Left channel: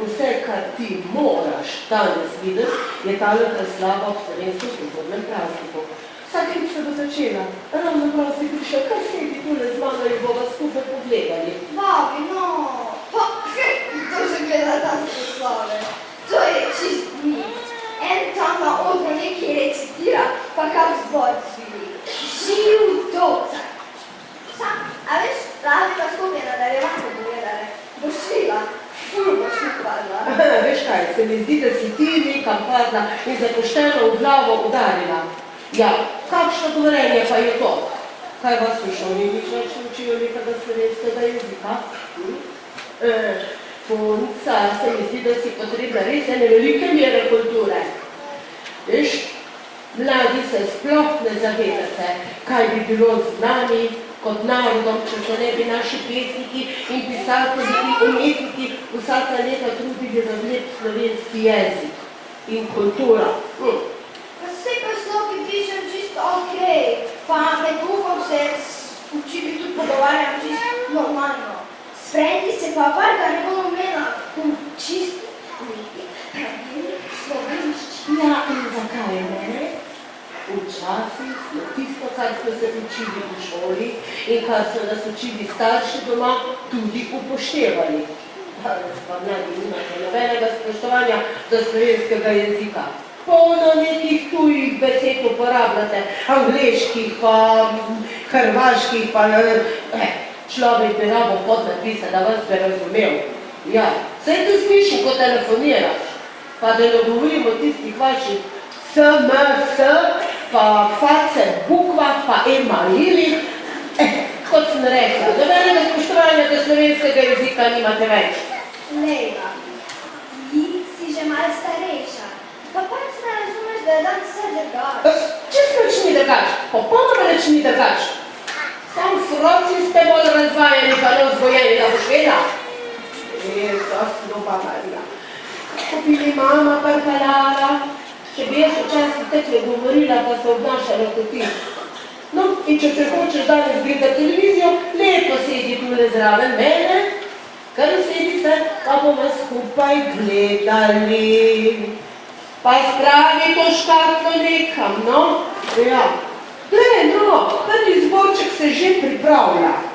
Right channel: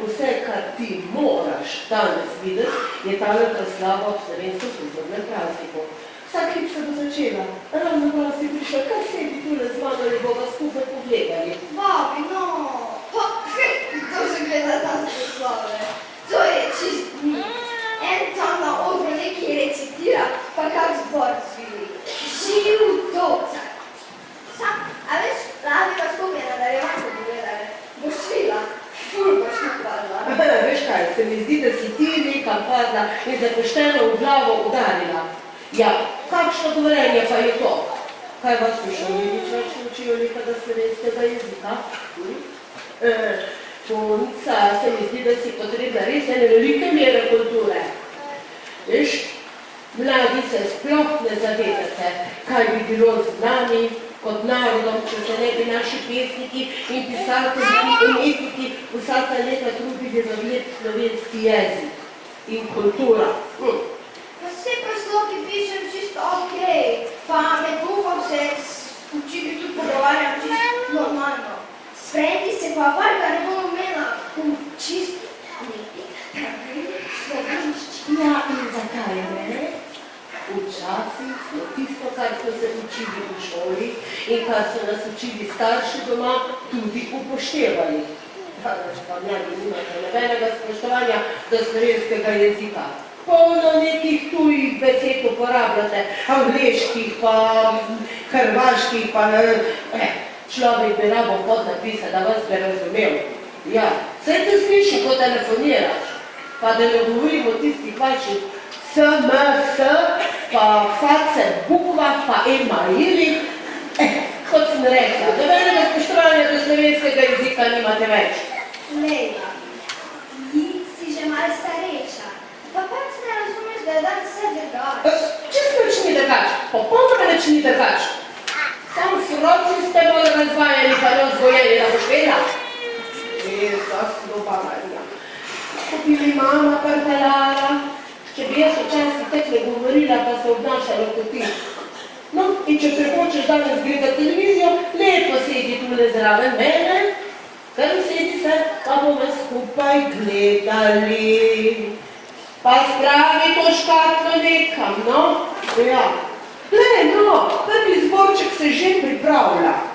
vse, kar ti moraš danes videti, je tale preslava ob slovenskem kulturnem prazniku. Vsak hip se bo začela. Ravno prav si prišel, kar sedi tule z mano in bova skupaj pogledali. Babi, no, pa, kdo že gleda ta proslave? To je čist nič. En tam na odru nekaj recitira, pa kar zbor zvili. Živ dolca. Sam, a veš, Lavi pa skupaj nadaljevanko pogledali. Boš švila, ful boš nakladla. Veš kaj, se mi zdi, da si ti nekam padla in se pošteno v glavo udarila. Ja, kakšno govorenje pa je to? Kaj vas v šoli nič več učijo nekega slovenskega jezika? Punca, se mi zdi, da si potrebna res ene velike mere kulture. Veš, mladi se sploh ne zavedate, kaj bi bilo z nami kot narodom, če se ne bi naši pesniki in pisatelji in umetniki vsaka leta trudili razviti slovenski jezik in kultura. Pa vse prosloki pišem čisto okej, pa med bukom se učili tudi pogovarjam čisto normalno. Sprejeti se pa varga ne bomo imela v čisto slovenščini. Ja, in zakaj ne? Včasih smo tisto, kar smo se učili v šoli in kar so nas učili starši doma, tudi upoštevali. Danes pa mladi nimate nobenega spoštovanja do slovenskega jezika. Polno nekih tujih besed uporabljate, angleških, pa hrvaških, pa človek bi rabo podnapisa, da vas bi razumel. Ja, saj te sliši, ko telefoniraš, pa da ne govorimo tistih vaših SMS, pa face bukvah, pa emailih. Kot sem rekla, nobenega spoštovanja do slovenskega jezika nimate več. Lejla, ti si že malo starejša, pa pač ne razumeš, da je dan vse drugač. Čisto nič ni drugač, popolnoma nič ni drugač. Sam froci ste bolj razvajeni, pa ne vzgojeni, da boš vedela. Jezus, ljuba Marija. Ko bi mi mama prpeljala, če bi jaz včasih tekle govorila, pa se obnašala kot ti. No, in če se hočeš danes gledati televizijo, lepo sedi tule zraven mene, kar sedi se, pa bomo skupaj gledali. Pa spravi to škatlo nekam, no? Ja. Glej, no, prvi zborček se že pripravlja.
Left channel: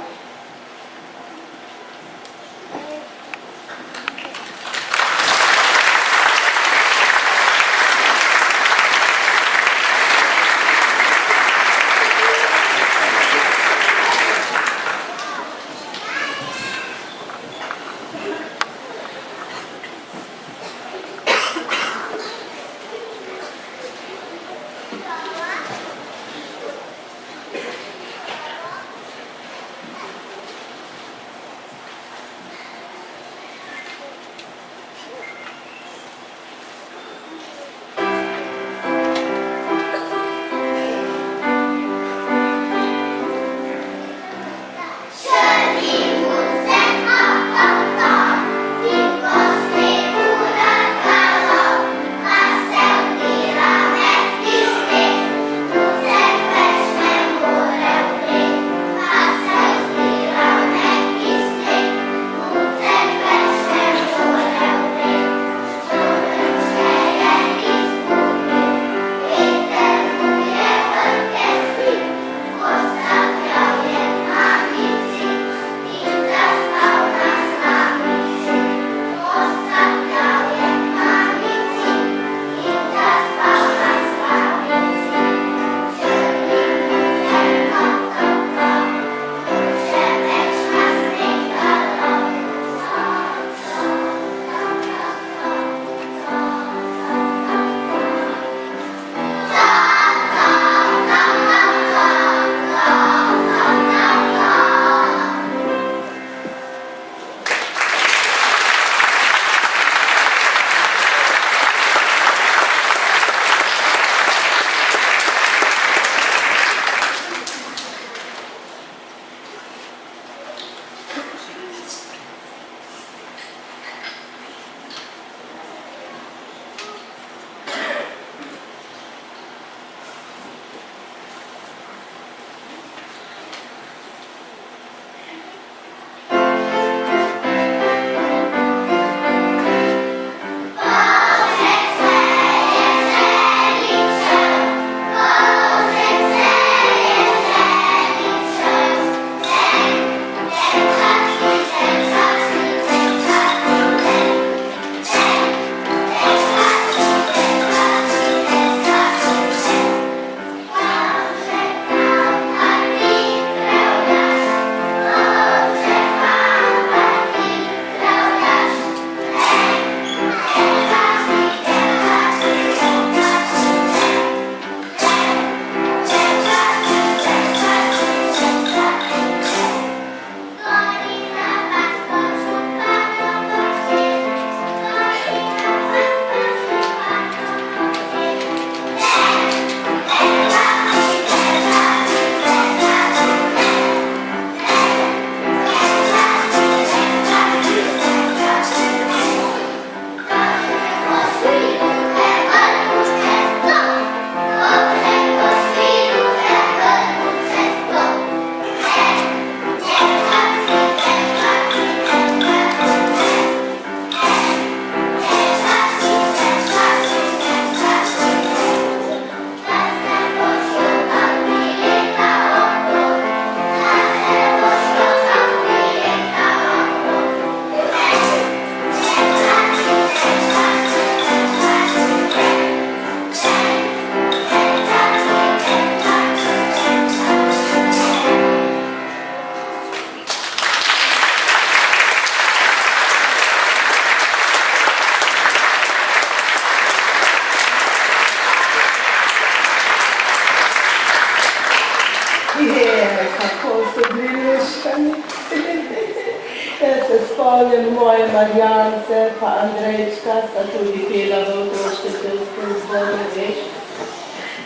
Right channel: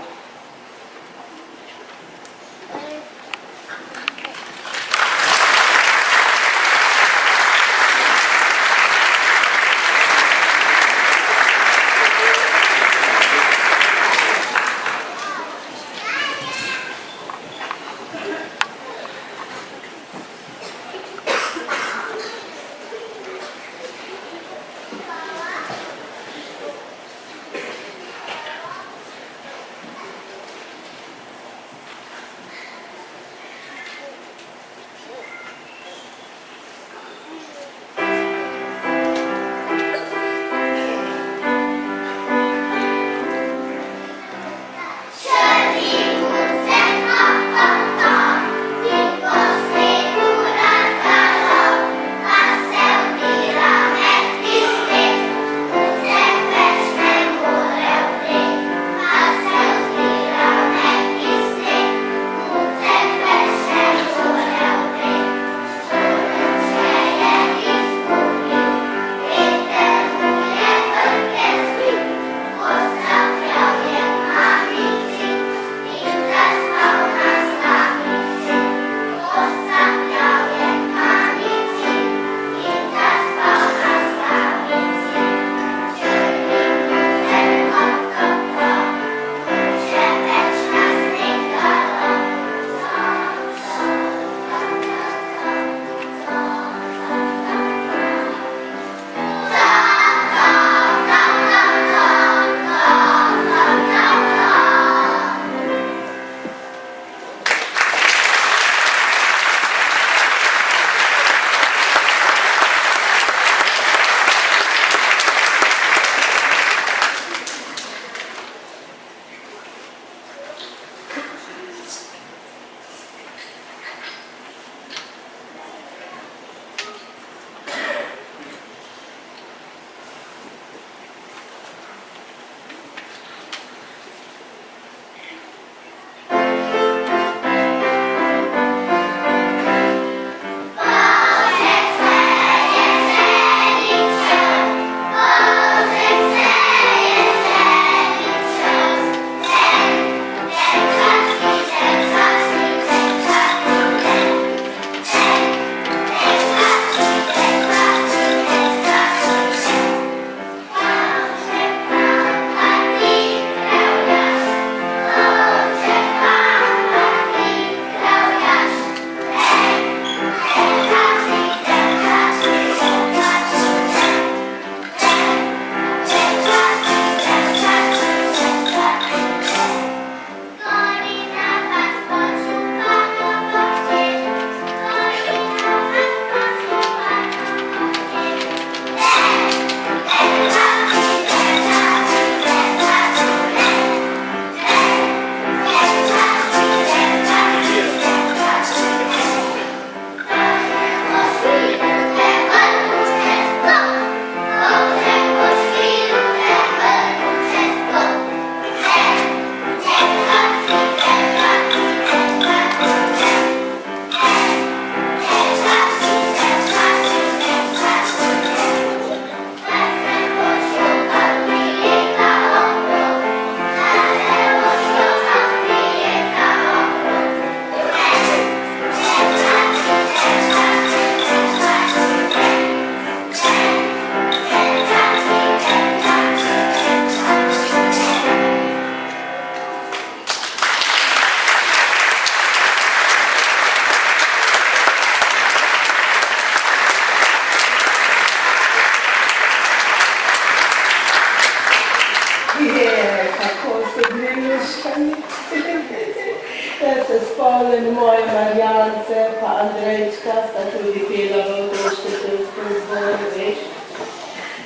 Andrejčka sta tudi pela v otroškem pevskem zboru, veš.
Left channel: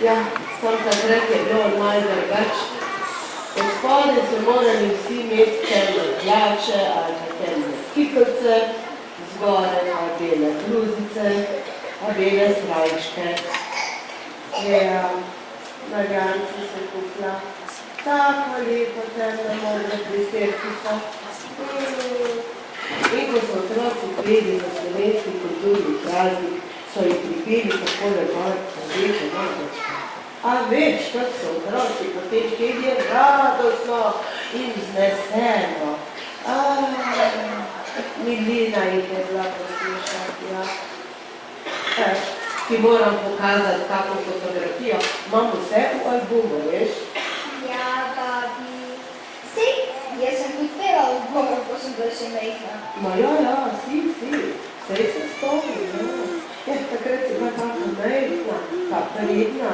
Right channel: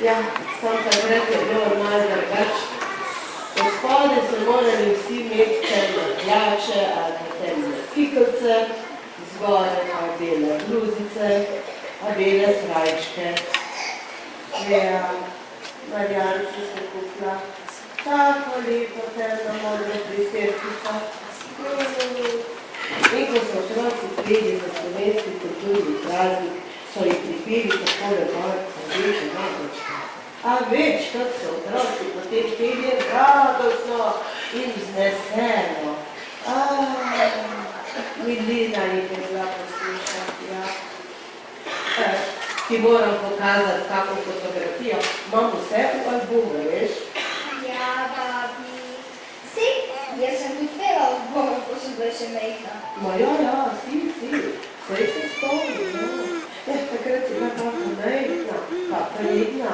Ja, sam takrat je bilo malo drugače. Od spodaj so morali vsi imeti temne hlače ali pa temne kikavce, zgoraj pa bele bluzice, pa bele srajčke. Ja, Marjanci se kupila tako lepo temna modra priserkica. In ko so otroci peli za slovenski kulturni praznik, so jih pripeli tako lepo rdeče nogočke. A veš, kako so otroci potem peli radostno in vzneseno. Milina jih je bila poslušati, ja. Ti moram pokazati kako fotografijo. Imam vse v albumu, veš? Ja, babi. Sej, jaz sem tudi pela v zboru, ko sem bila še mejhna. Ma ja, si. Sej se spomni, no. Takrat si bila tako mejhna, pa prijetna.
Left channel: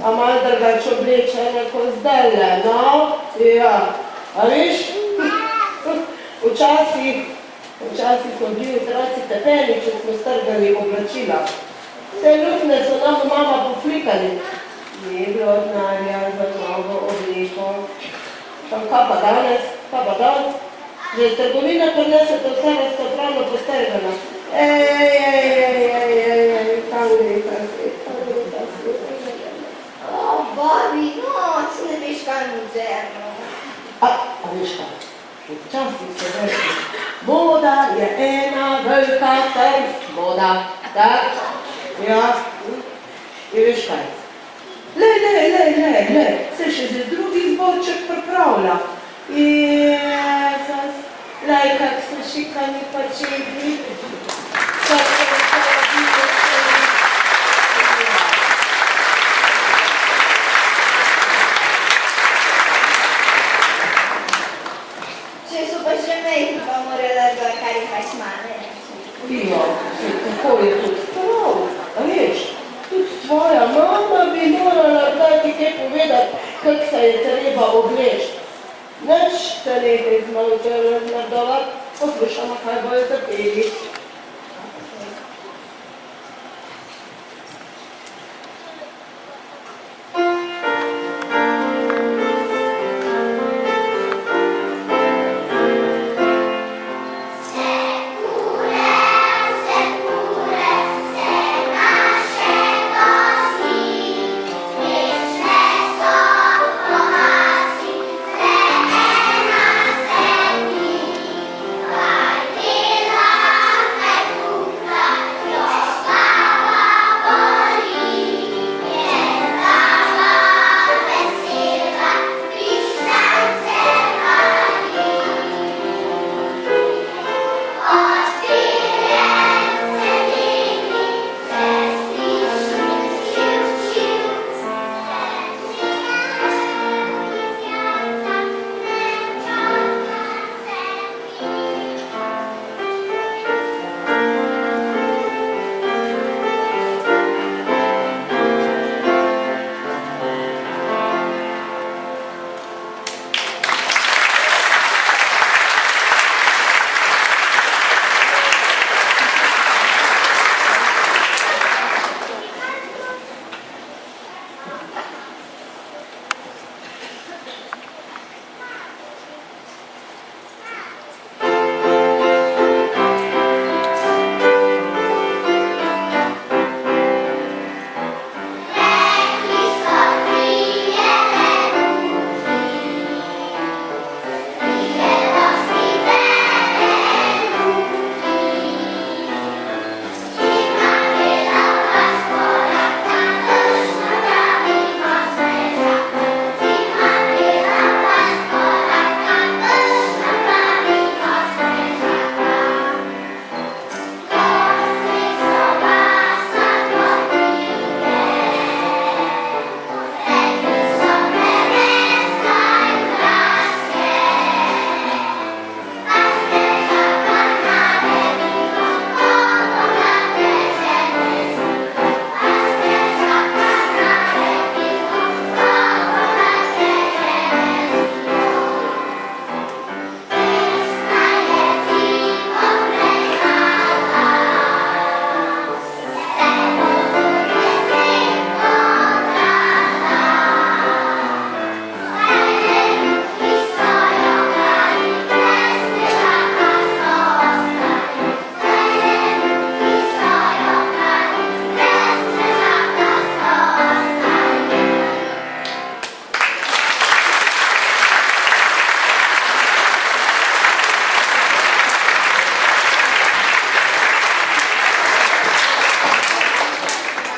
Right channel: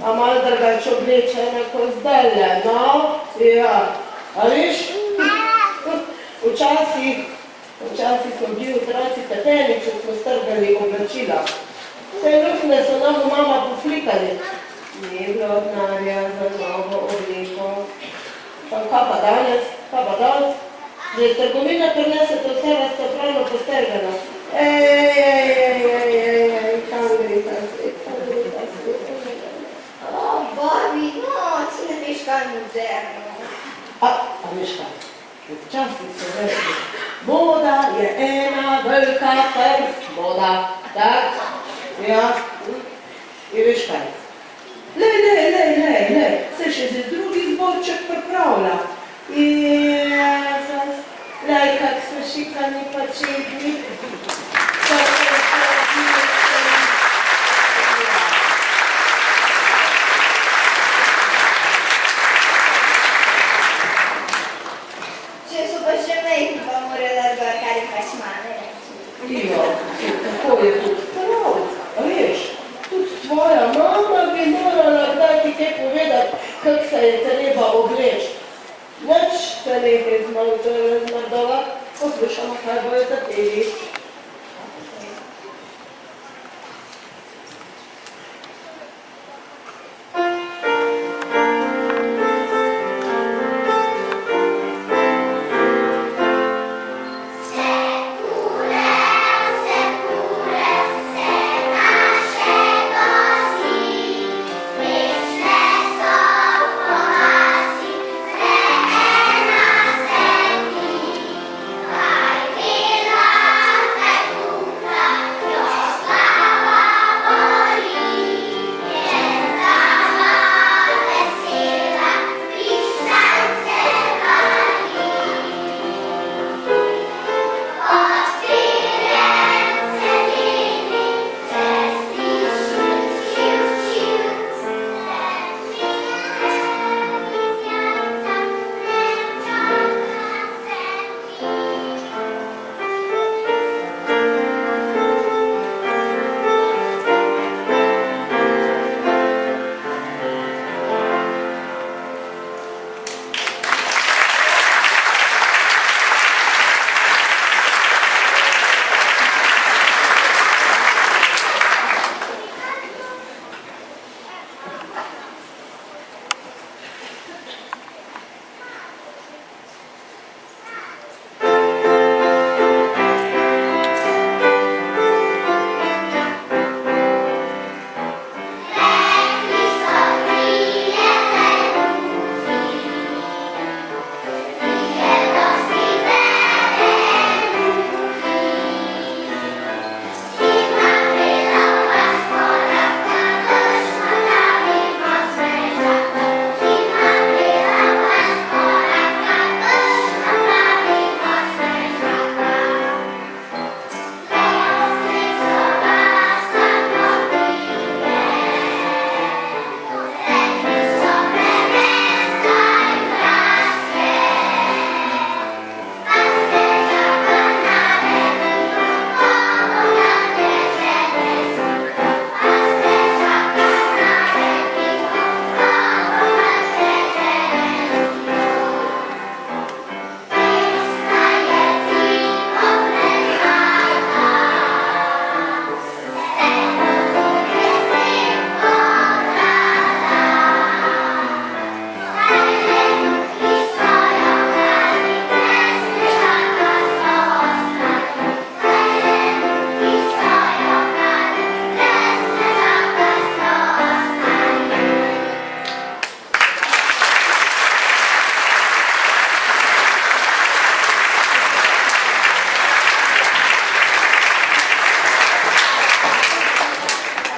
A malo drugače oblečena kot zdajle, no? Ja. A veš? Včasih smo bili otroci tepeni, če smo strgali oblačila. Vse lukne so nam mama poflikali. Ni bilo denarja za novo obleko. Kaj pa danes? Že iz trgovine prinesete vse razcefrano postrgano. Kam gre ta svet? Babi, no, ti ne veš kaj je moderno. A veš kaj? Včasih so rekli, moda je ena velika trst moda. Tak? Ja. In veš kaj? Lej, se še za drugi zborček pripravlja. Jezus, lej, kak so šikani pačetni. Če so pa še mejhni, pa morala gor, kar jih pač mane reči. Ja, tako je tudi prav, a veš? Tudi tvoja mama bi morala kdaj ti kaj povedati, kako se je treba obleči. Nič se nekaj razmrdovati, poslušamo, kaj bojo zapeli. Kaj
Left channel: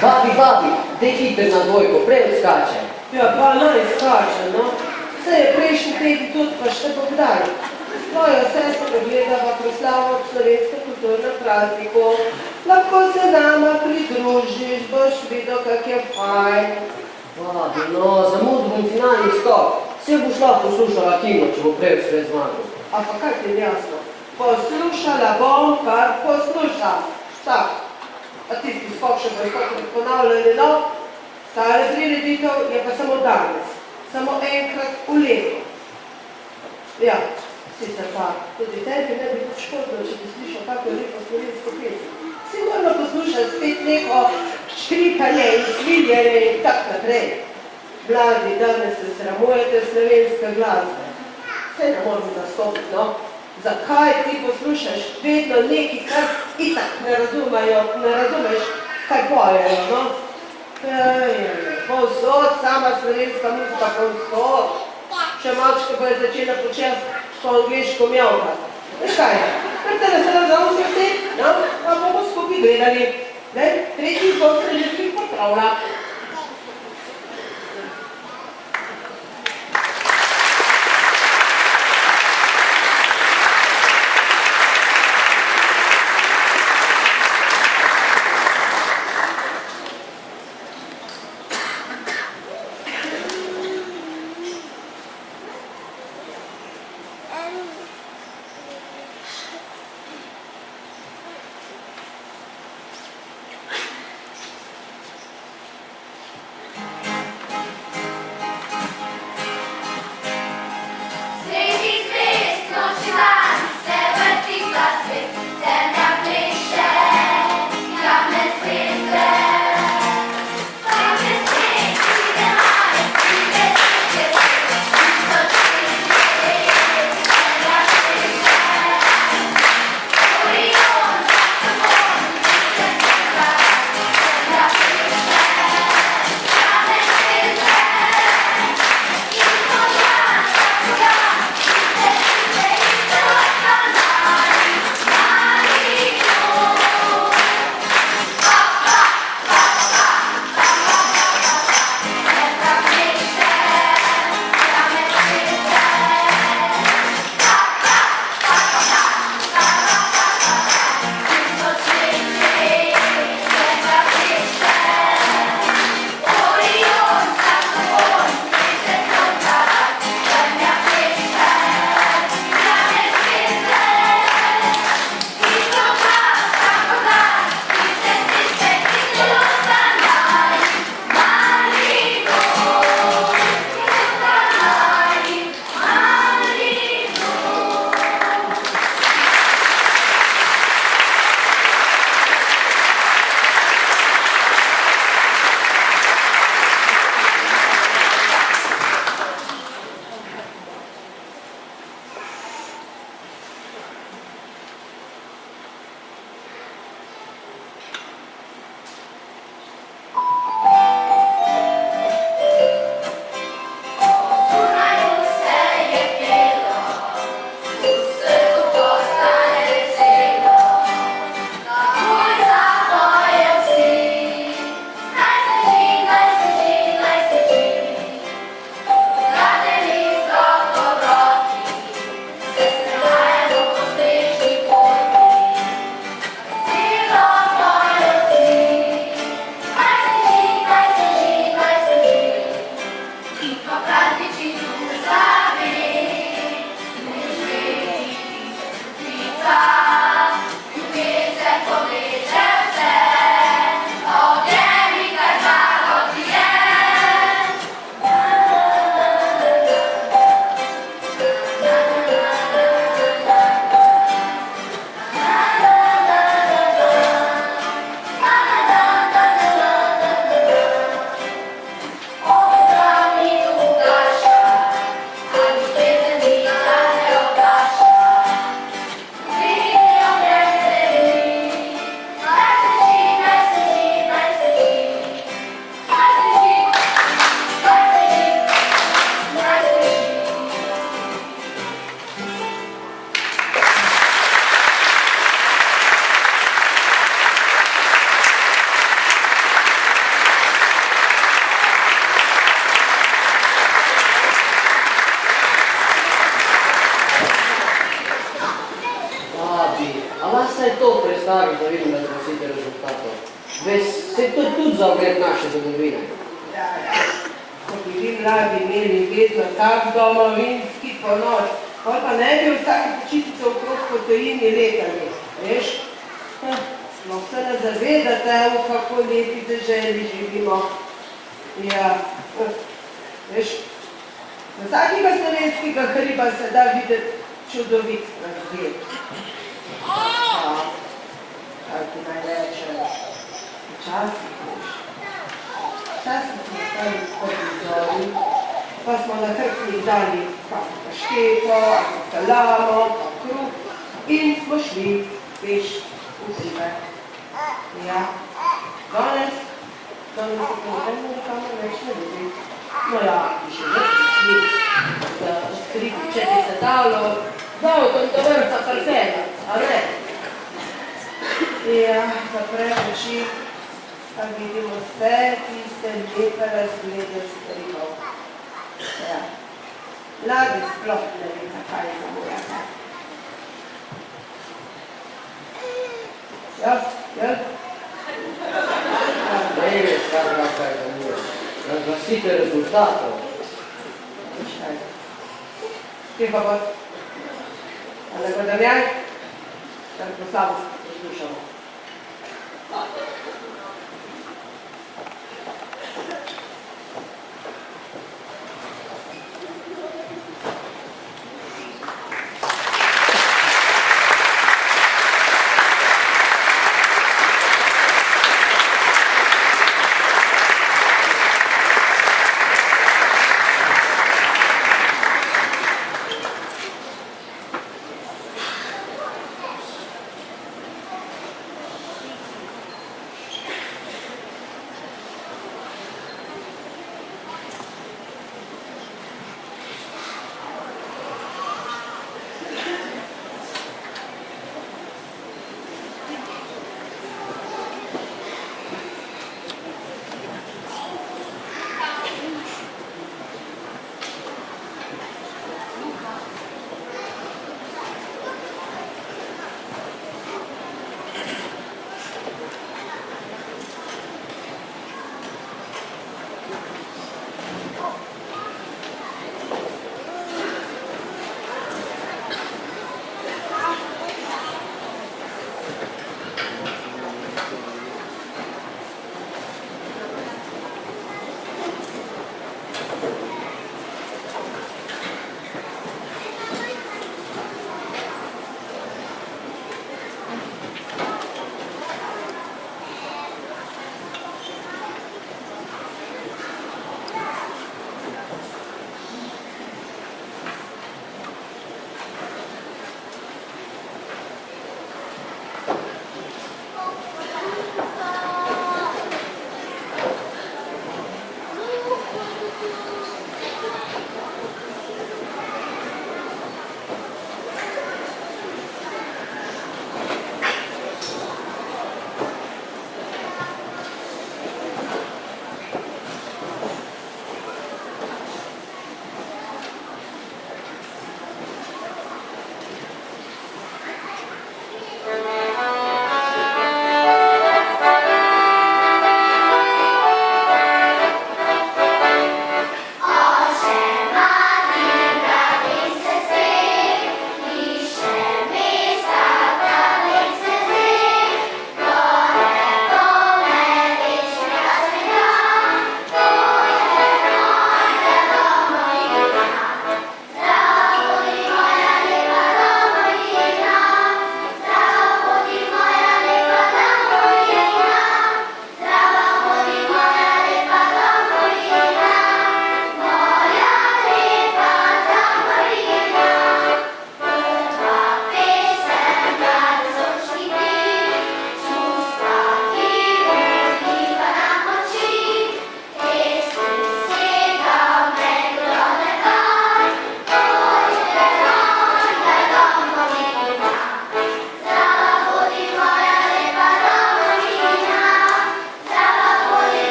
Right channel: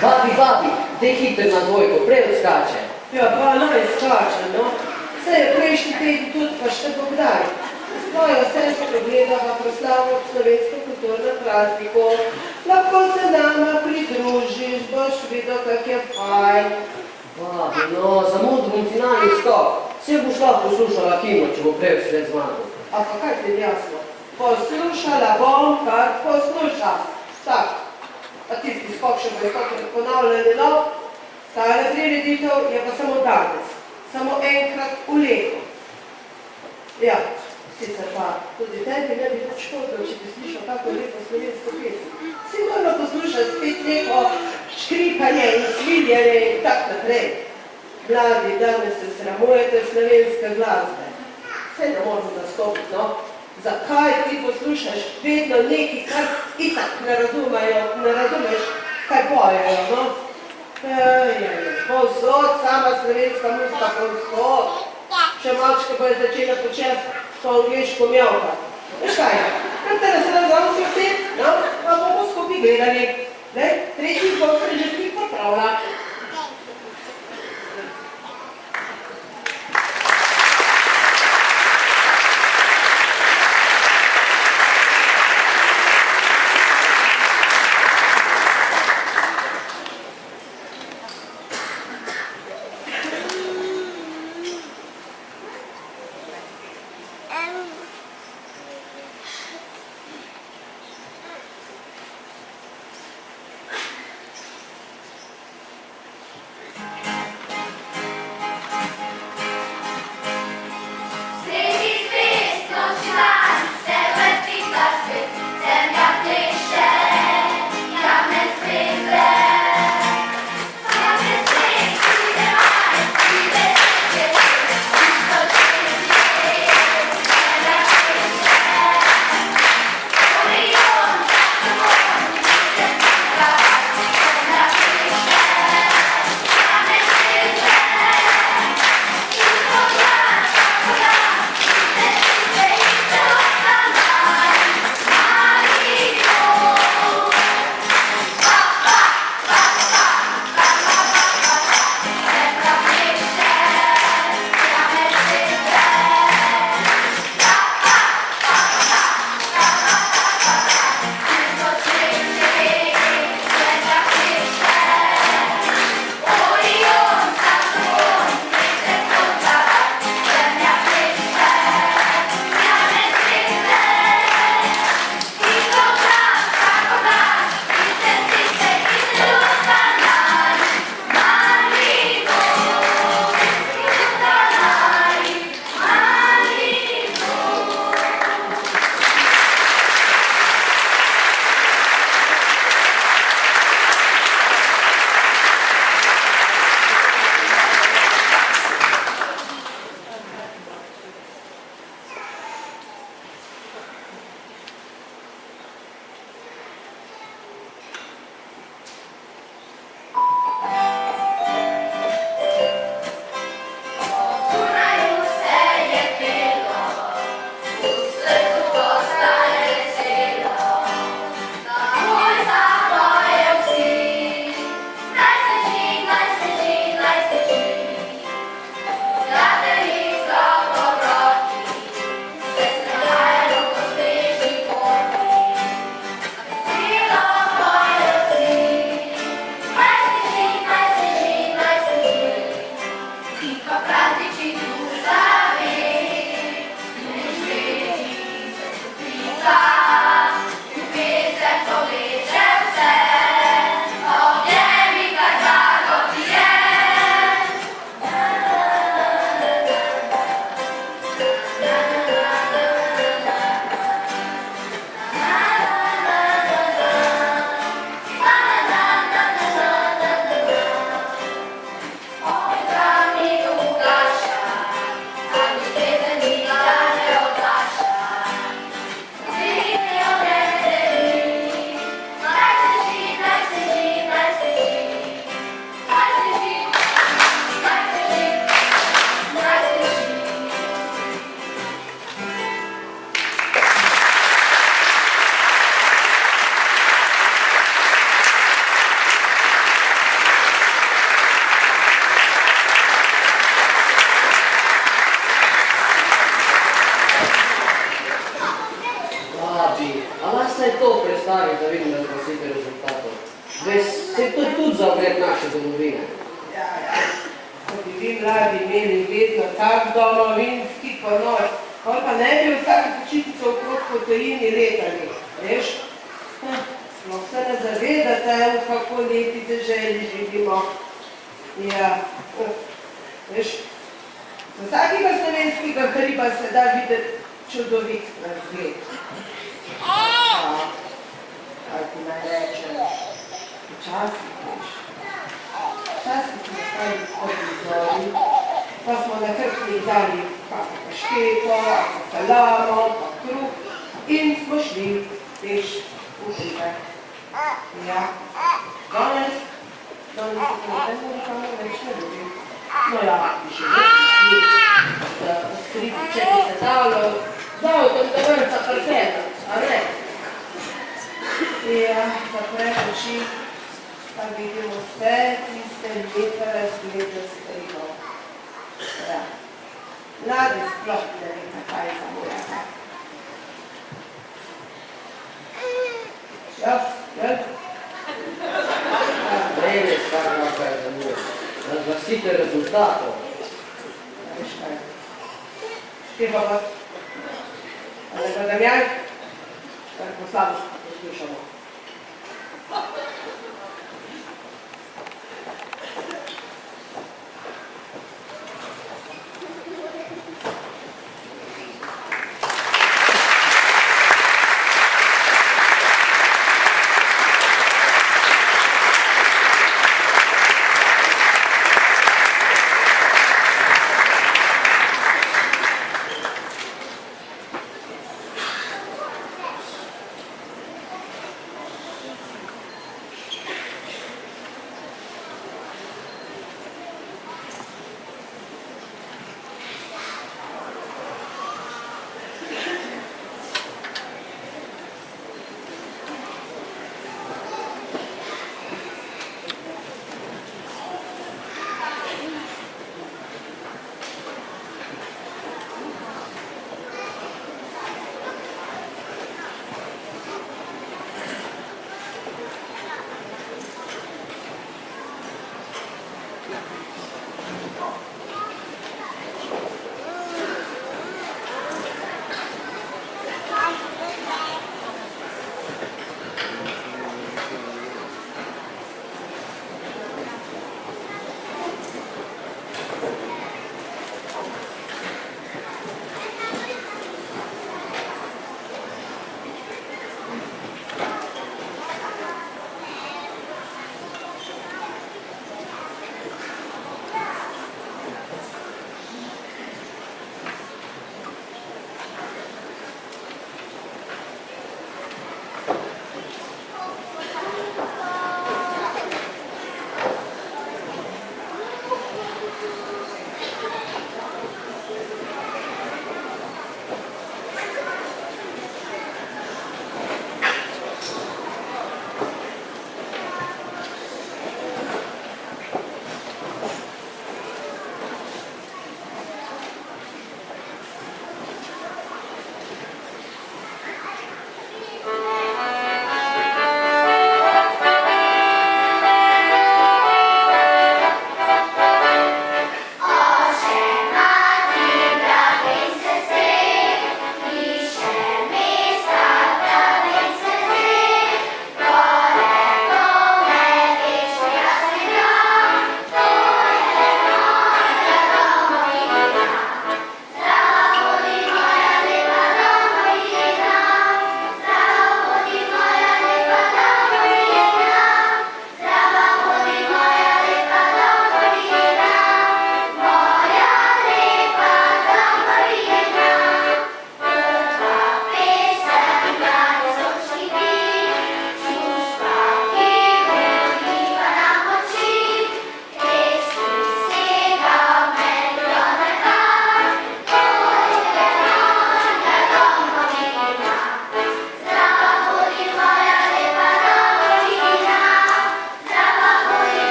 Babi, daj hiter na dvojko, prej odskače. Ja, pa naj skače, no. Vse je prejšnji teden tudi, pa še bo kdaj. Svojo sestro gledava proslavo slovensko kulturno prazniku. Lahko se nama pridružiš, boš videl, kak je fajn. Babi, no, zamudil bom finalni skok. Vse boš lahko poslušala himno, če bo prej sve zmagal. A pa kaj ti je jasno? Poslušala bom, kar poslušam. Tak. A tisti skok še bo stokrat ponavljali, no? Tale prireditev je pa samo danes. Samo enkrat v letu. Ja, sicer pa tudi tebi ne bi nič škodilo, če bi slišal kako lepo slovensko pesem. Sigurno poslušaš spet neko škripanje in sviljenje in tak naprej. Mladi, danes se sramujete slovenske glasbe. Vse ne moramo zastopiti, no? Zakaj ti poslušaš vedno neki, kar itak ne razumeš, kaj pojejo, no? Povsod, sama slovenska muzika, povsod. Še malčke bojo začela početi to angliško mjavka. Veš kaj, ker se nam zavljamo vse, no, pa bomo skupaj gledali. Tretji zbog srednjih popravlja. vidim razglasite rezultatov. Veš, se to tudi za ogled naše domovine. Ja, ko bi vi mladi imeli vedno tak domovinski ponos, pa ne bi vsake počitnice okrog po tujini letali, veš? Sploh se ne zavedate, v kako lepi deželi živimo. Ja, veš, z vsakega slovenskega hriba se da videti čudovit razgled. Kaj ti naj rečem, včasih, veš, včasih smo stali spodnji zori, pa smo na hrbtnih dali kakšno pašteto, ali salamo, pa kruh in smo šli, veš, v hribe. Ja, danes se to nekamo več ne ljubim. No ja, bi še več šli, da skriti, če bi se dalo, z avtom do vrha parfena, a ne? Ja, zapreš oči, pa vidimo vse tiste lepe razglede strihov. Ja, mladi sploh ne ve, kaj zamujate. Jaz? Ne veš, kaj zamujate. Razglasite rezultatov. Veš kaj? Kje pa pa? Ali pa Damjan? Kar poslavo poslušamo.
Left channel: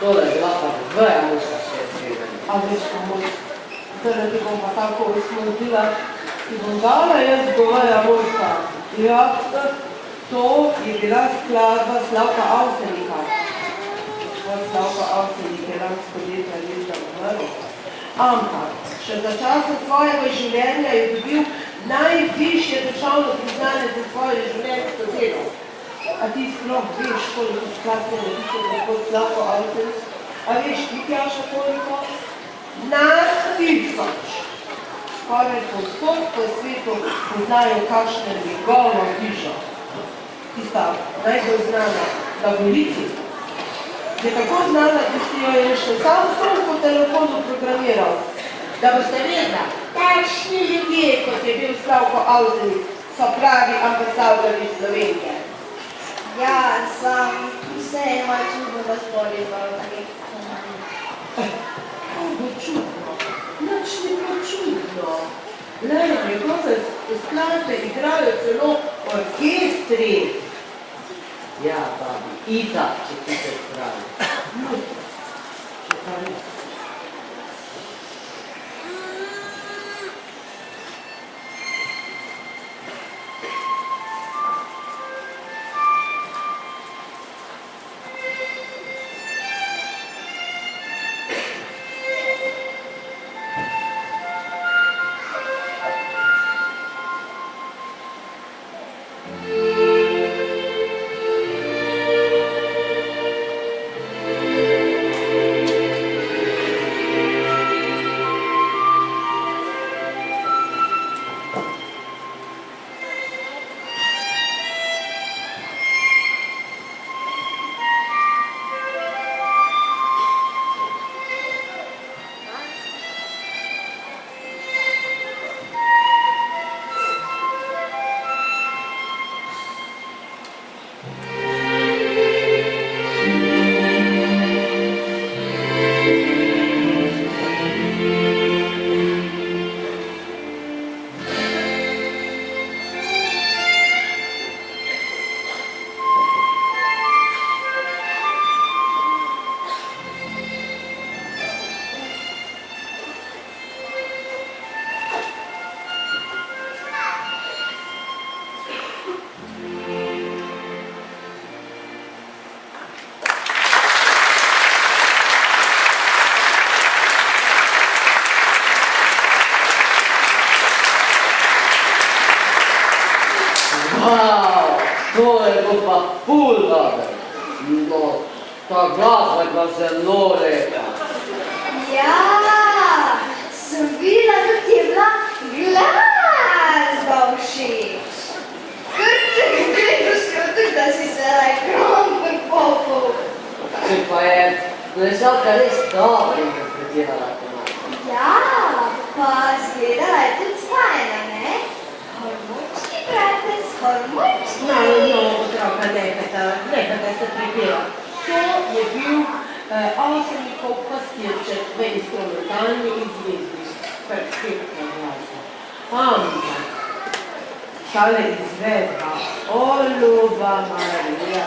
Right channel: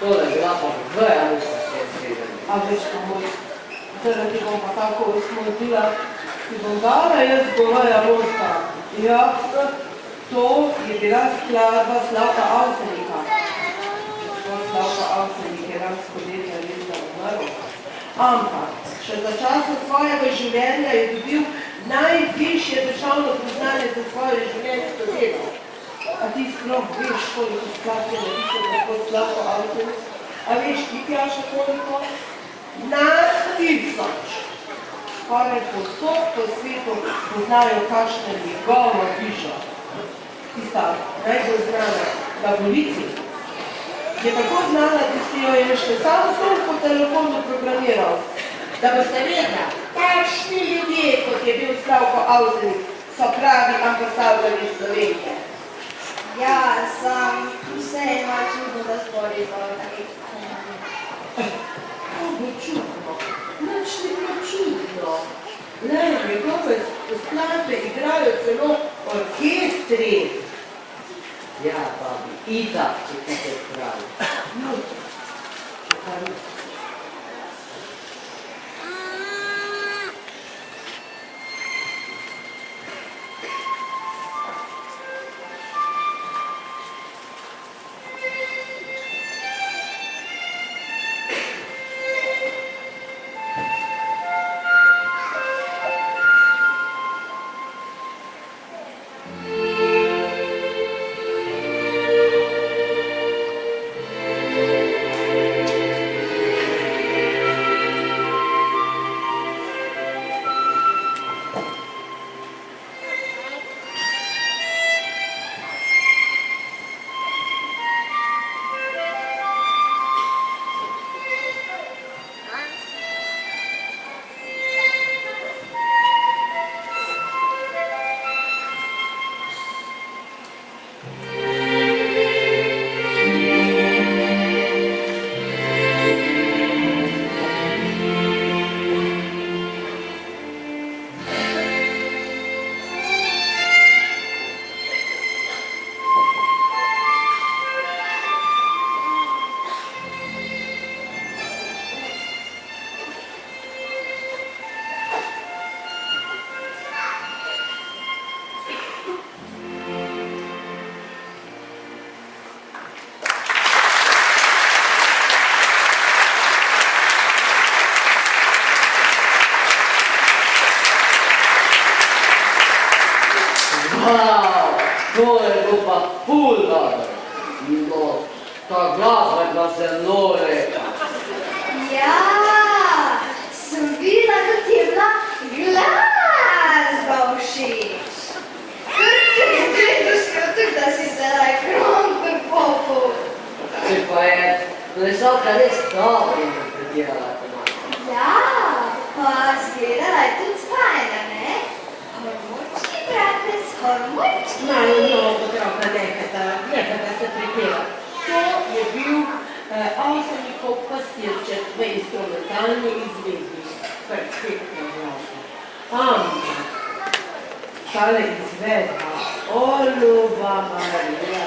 Tole je bila pa dveja muška še zvedena. A veš, ko moj, zdaj ti bom pa tako usmodila, ti bom dala jaz goveja muška. Ja, to je bila skladba Slavka Avsenika. Slavka Avsenik je lansko leta leta umrl. Ampak, še za časa svojega življenja je dobil najvišje državno priznanje za svoje življenjsko delo. A ti sploh veš, koliko skladb je napisal gospod Slavko Avsenik? A veš, ti Tjaša koliko? Nad 1000. Skoraj povsod po svetu poznajo, kakšna je njegova hiša. Tista najbolj znana na Gorici. Je tako znana, da si jo je še sam po telefonu programiral. Da boste vedela, takšni ljudje, kot je bil Slavko Avsenik, so pravi ambasadorji Slovenije. Ja, sam vse je malo čudno, da spori zbog takih komunij. To bo čudno, nič ni bilo čudno. Lena, njegove skladbe igrajo celo orkestri. Ja, babi, itak, če ti se pravi. No, če kar ne. To je bilo pa ful dobro. No, ta glasba je bila zelo lepa. Ja, sem videla, da ti je bila glasba všeč. Kar te gledal skotek, da si se ekran prepopil. Se pa je plesalka res dobro interpretirala komado. Ja, pa zgledala je tudi spajna, ne? Hormočki, bratec, hormočki. No, otroka, nehajte se pripeva. To je bil Avsenikov pastirček v instrumentalni izvedbi. Perfektna glasba. Ampak, tale izvedba, o ljuba Marija,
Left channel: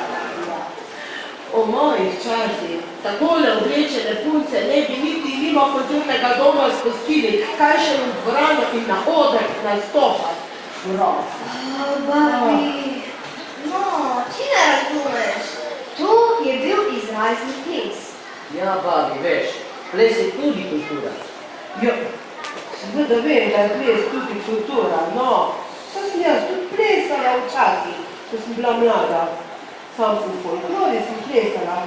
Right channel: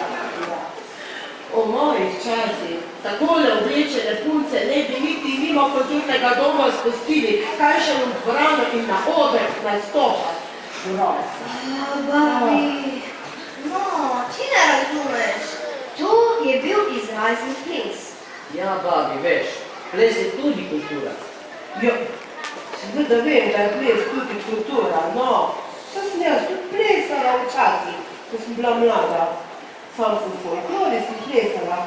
o mojih časih, takole oblečene punce ne bi niti nima kulturnega doma spustili, kaj še v dvorano in na oder nastopati. Babi, no, ti ne razumeš. To je bil izrazni ples. Ja, babi, veš, ples je tudi kultura. Ja, seveda vem, da je ples tudi kultura, no, saj sem jaz tudi plesala včasih, ko sem bila mlada. Sam sem v folklori sem plesala.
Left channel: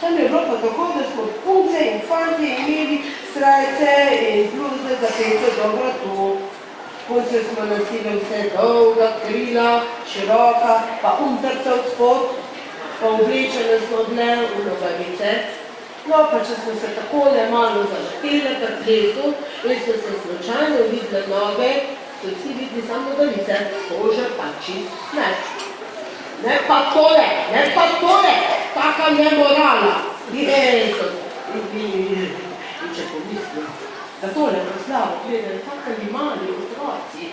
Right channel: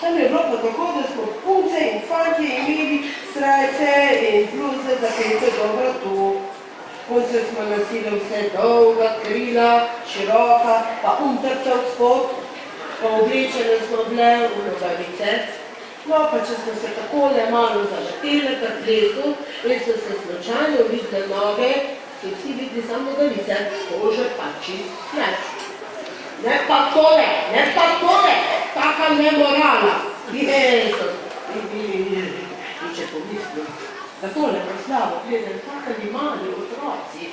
Tam je bilo pa tako, da smo punce in fantje imeli srajce in bluze zapete do vratu. Punce smo nosili vse dolga, krila, široka, pa umtrca od spod, pa oblečene smo bile v nogavice. No, pa če smo se takole malo zavrtele pri plesu in so se slučajno videle noge, so vsi videli samo nogavice, kože pa čist meč. Ne pa tole, taka nemorala. Jezus, in če pomislim, da tole proslavo gledajo takali mali otroci,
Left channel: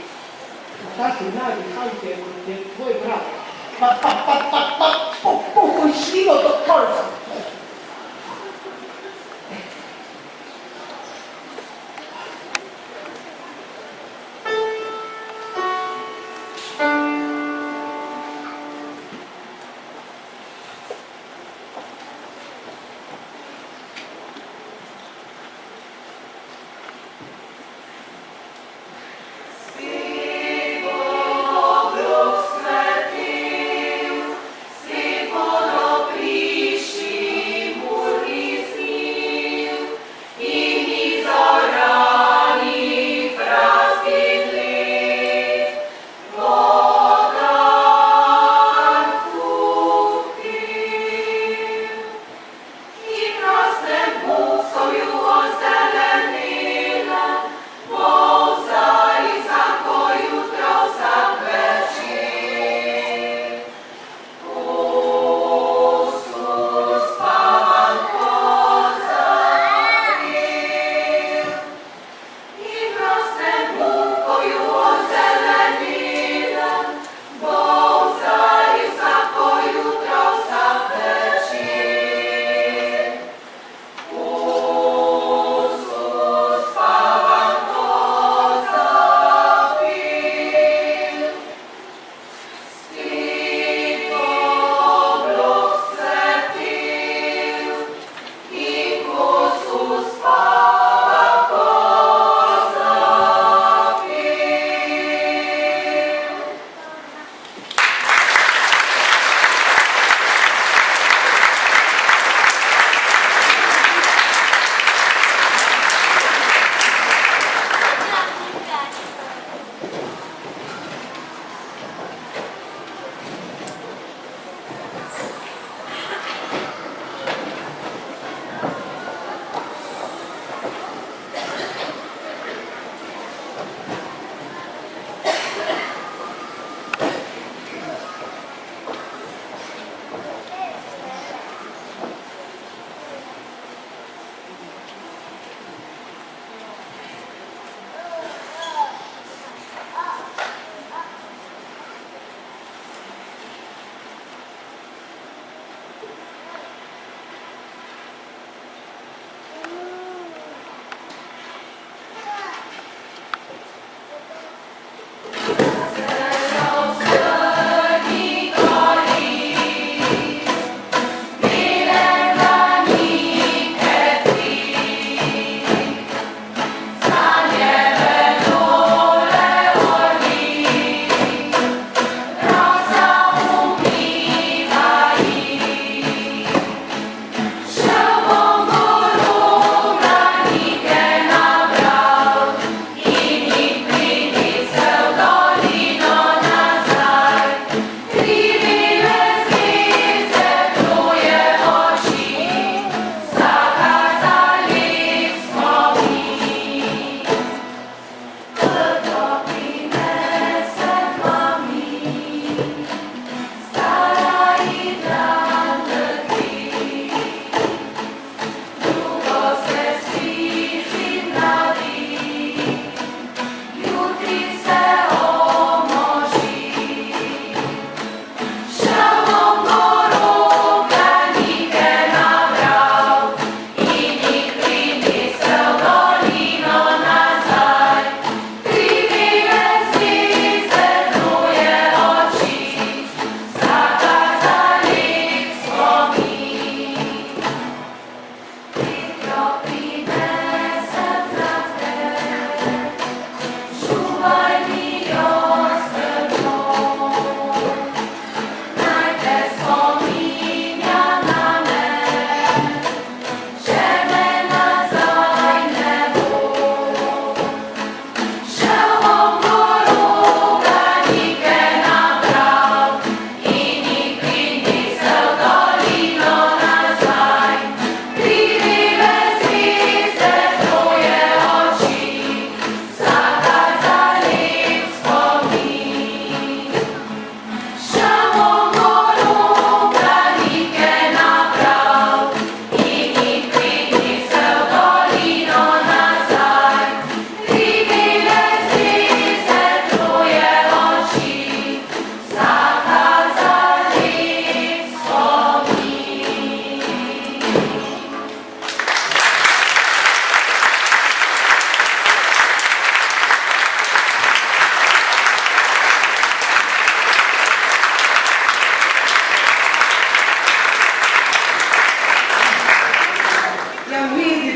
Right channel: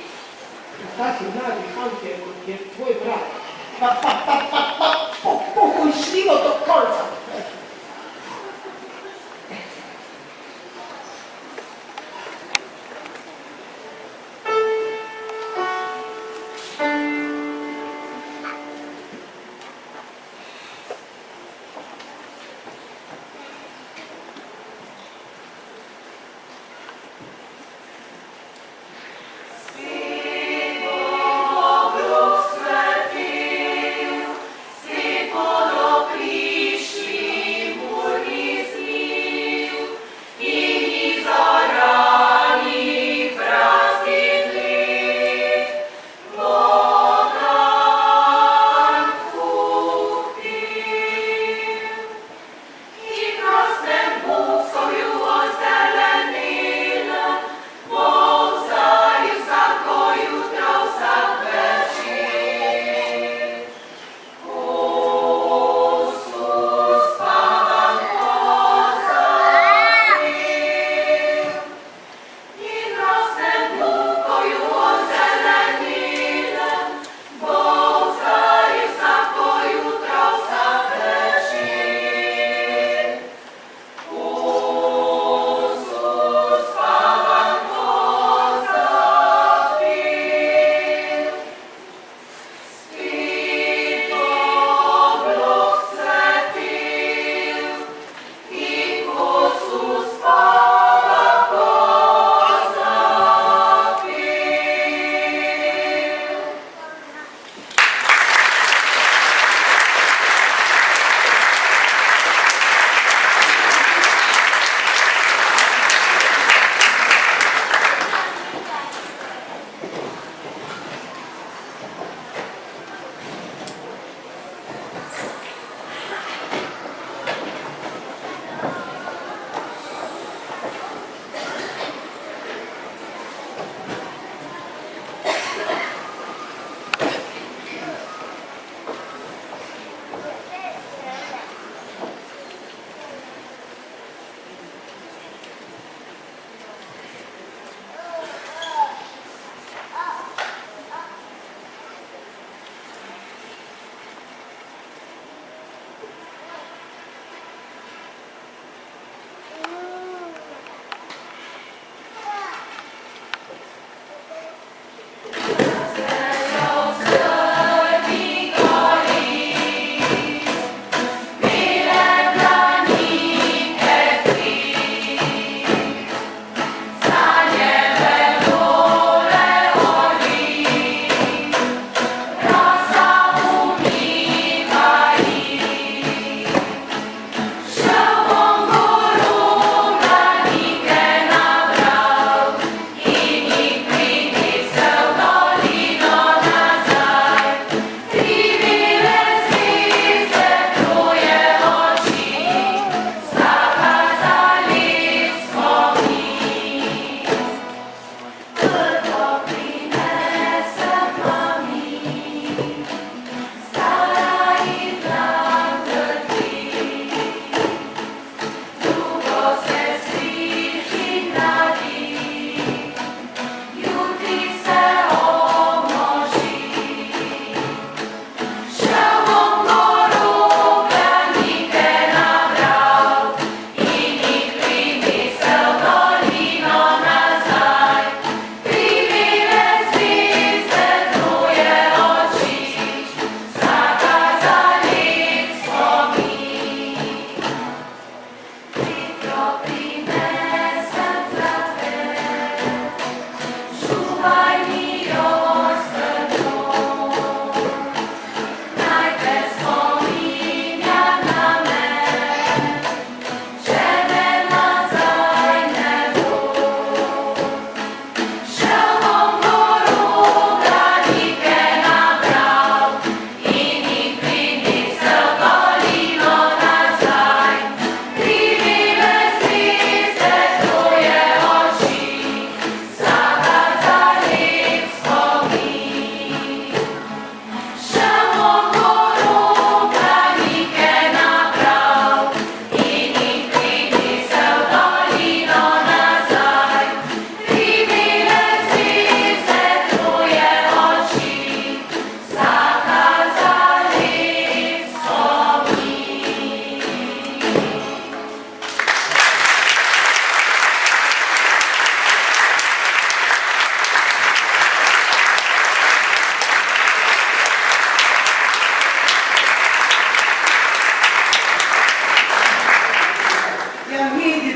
taki mladi fantje, kot je tvoj brat, pa, pokošljivo do konca.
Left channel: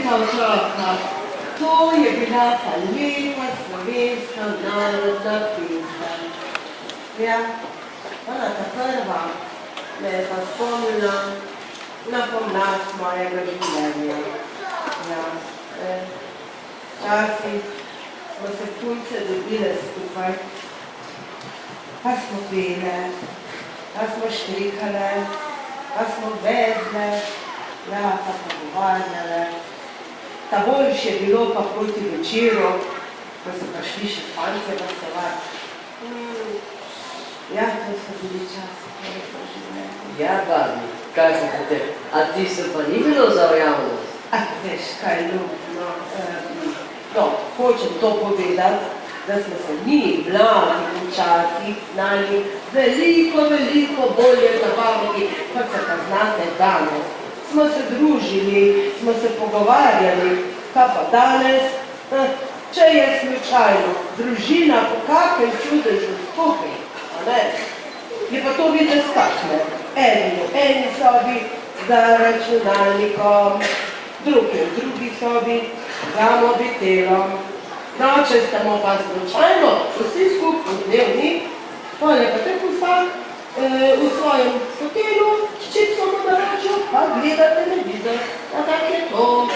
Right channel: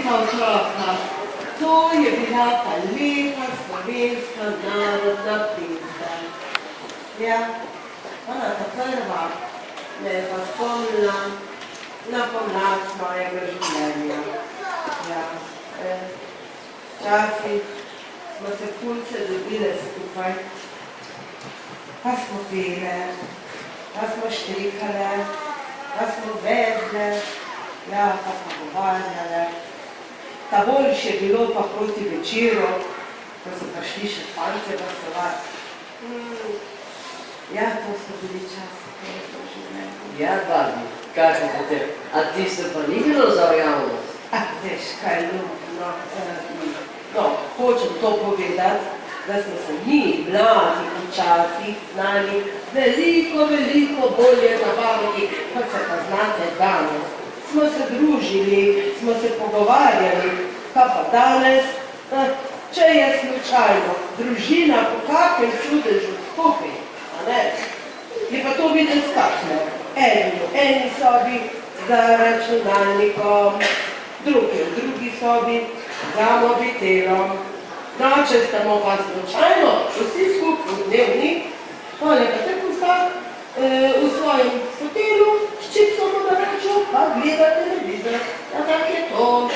otroka. To je bila pa lepa slovenska narodna pesem. Ja, ona ta prva me je pa spomnila na pomlad mojega življenja. Ja, včasih smo se punce dobile skupaj, pa smo pele, pa smo štrikale, pa smo vezle, ja, pa pogovarjale. Ta boljš je bilo pa proti večeru, ko so pa šli še fantje glasovati. Ja, to so bili časi, ko je to življenje. Ja, babi, kako te, a ti se pa ni bilo za javnost? Veš, kaj ljubno. No, hočem to povedati, da smo se mi, mladi, včasih znali veliko bolje zabaviti, kot se pa znate danes. Smo se družili, smo se pogovarjali, kaj pa danes, če je slučajno družina po kakem čudežu skupaj, a ne? Je pa to videti kakne. Eni v eni sobi za računalnikom, drugi v drugi sobi za mobitelom. No, če stamo pa slučajno vsi skupaj v dnevni, pa je pa tako vsak v svojem hotelu s čipsom v naročju, pa gledate televizor. Ja, tak je to.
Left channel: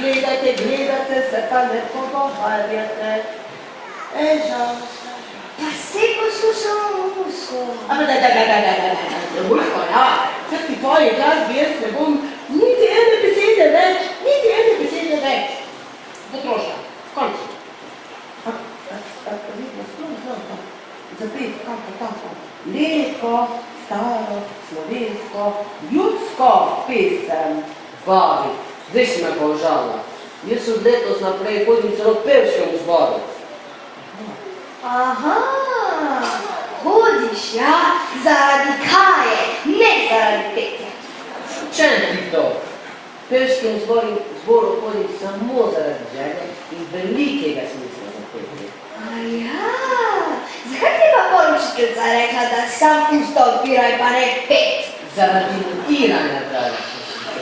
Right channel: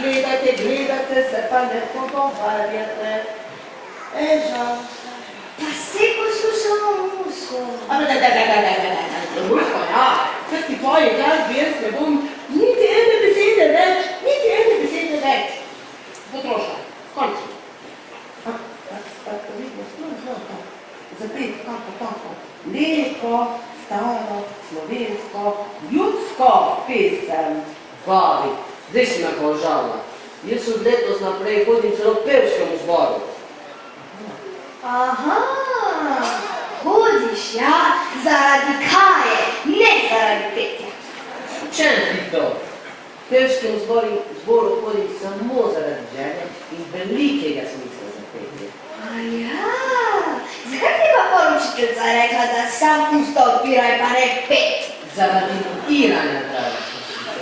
Gledate, se pa ne pogovarjate. Žal. Pa se poslušamo musko. Musko, ja. Kaj ti tvoji glas jaz ne bom niti ene besede več. Potrošla. Končno. Vidno, sploh zapet, kako tako. Lepo, staro, slovensko, ljudsko pesem. Babi, zdaj si me pa užala. Jaz od letos naprej hodim celo v pevškem zboru. Aha, hodiš, ja, zaradi kaje, ne zaradi petja. Čem ti to? V pevškem zboru hodim samo zaradi želje in velikega smisla za petje. Ja, zakaj ti pa poručiteljica rekla, da sam usta odpiraj pa ne pet? Zaradi mutiranja, pravi.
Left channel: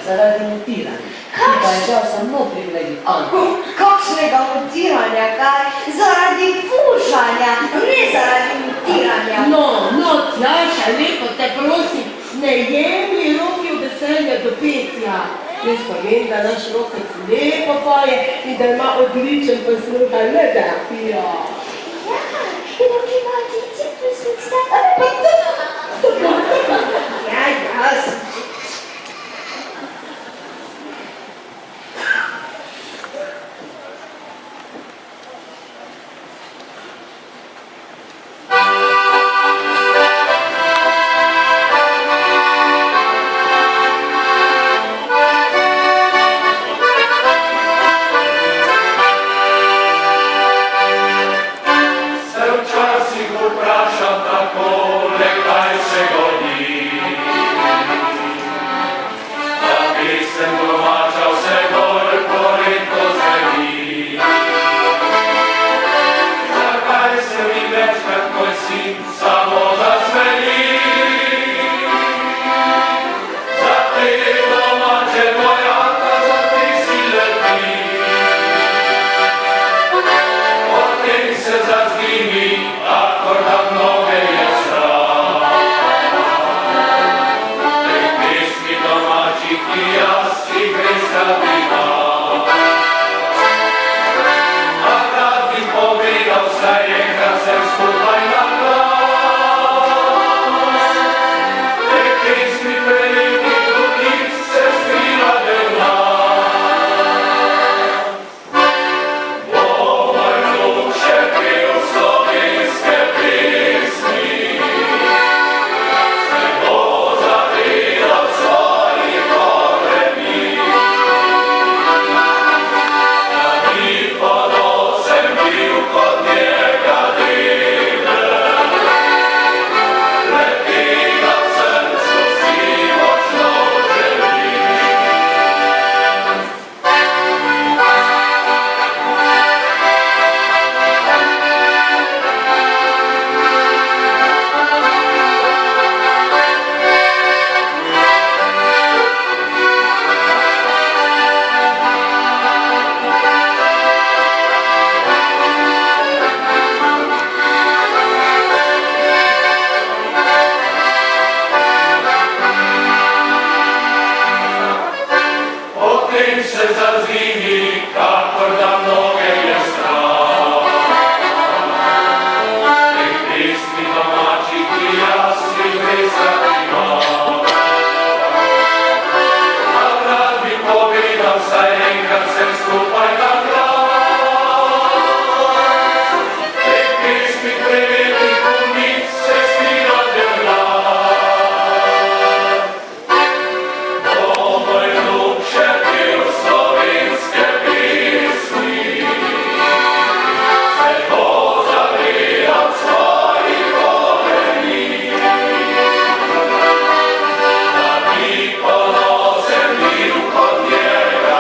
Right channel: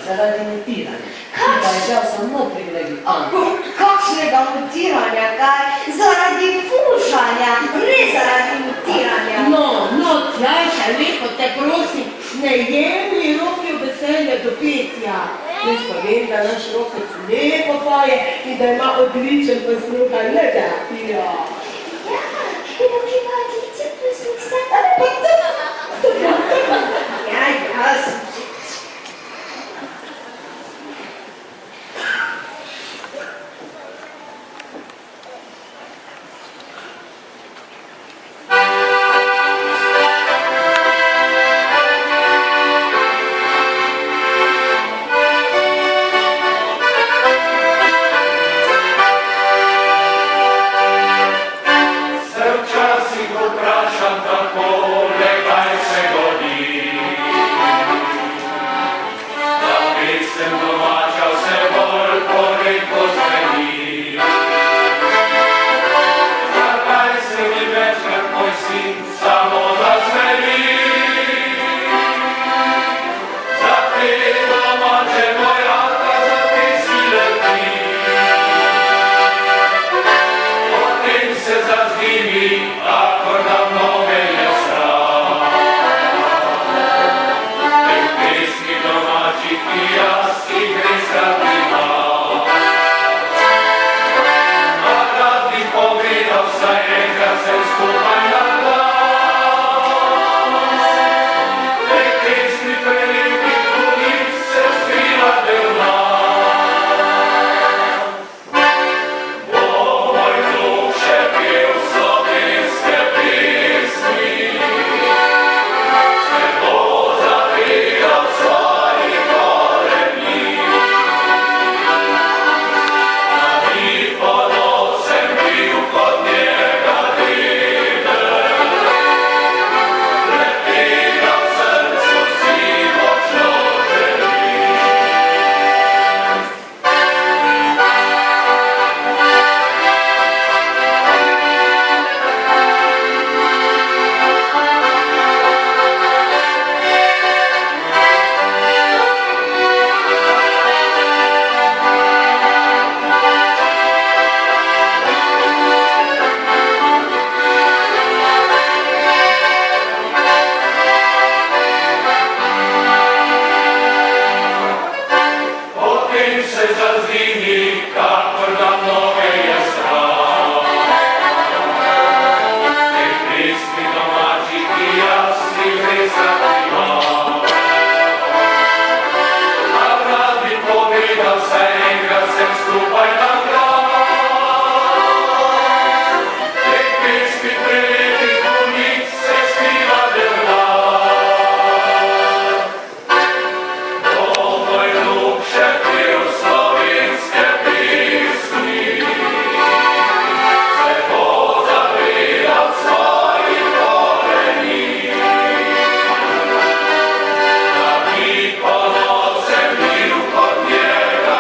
Zaradi mutiranja. Ti pa je žal samo privilegij Anka. Kakšnega mutiranja, kaj? Zaradi fušanja, ne zaradi mutiranja. No, Tjaša, lepo te prosim, ne jemlji roki v veselje do petja. Jaz pa vem, da naš rokec lepo poje in da ima odličen posluh, ne da pija. Ja, in ima odličen posluh, Ja, sem Molim se za zimi, kako da mnoge je strah. Nek prisni domaći ti jasni pristratima. A rad bi povidan sa enkrat sem skupaj tam glas. Nek pismi prejeti punik se spira del glas. Domoj ljubše pil slovinske pismi, se bo zavedal svojih koreni. Da mi ponosem bil kod njega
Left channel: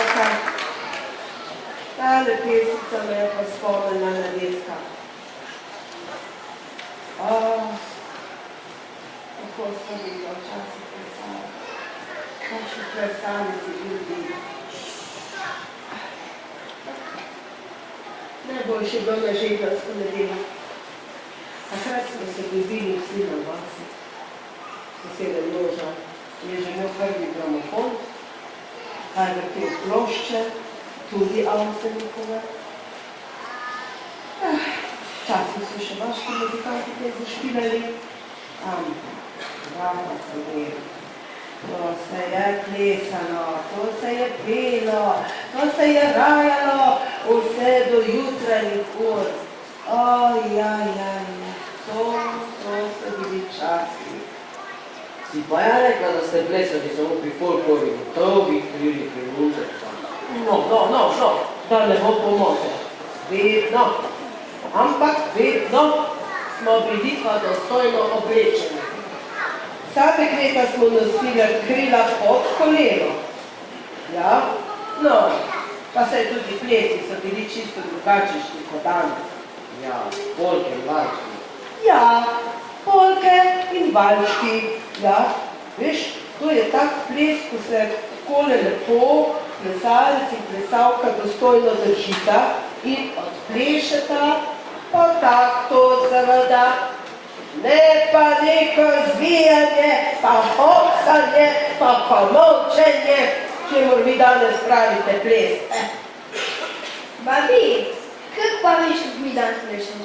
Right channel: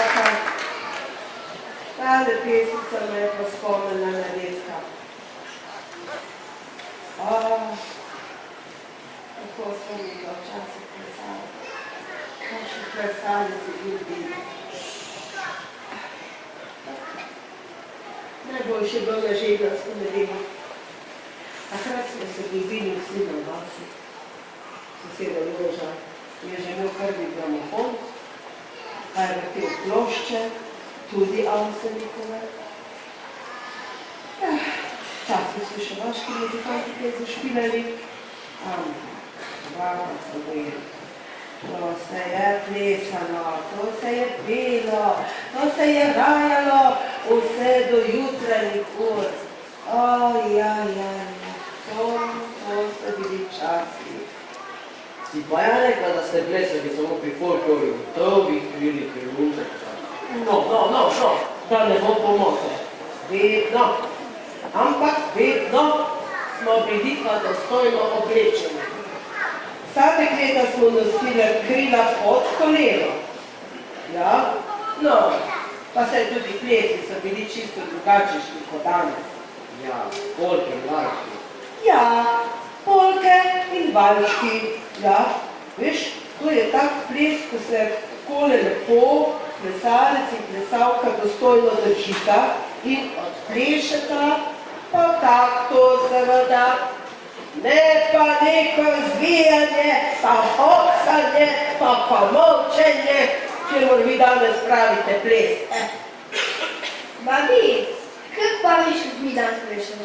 otroka. Tale pesmica me je pa spomnila na detka. Kako smo mi ga včasih plesali. Kakšni plesalici ljudi. Najboljši je bil na željavsko nedeljo. Takrat smo se dobili vsi na vasi. Sosede Loža je že imel prvi gramofon, kaj je vrtel plošče, tudi Avsenikove. Včasih so še vaški muzikanti kaj zašpilali. Vaka so bili. To se je plesalo, to se je pelo, to se je rajalo vse do jutranjih ur. To so bili časi. Si pa ja rekla, da ste plesali samo pri folklorju, trobih, liriki, munce. No, da ne bo pomote. Vedno, ampak vedno smo bili pa dostojno oblečeni. Vsa dekleta smo nosili krila pod koleno. Ja, no, pa saj tudi plesi so bili čisto drugačni kot danes. Ja, polke in valčki. Ja, polke in valčki. Ja, veš, to je tak ples, ko se takole lepo plesalec in plesalka dostojno držita in odplešeta, pa tak to seveda. Ne pa neko zvijanje, pa hoksanje, pa pomolčenje, čemur vi danes pravite ples. Babi, kako pa viš, kako mi danes plešemo?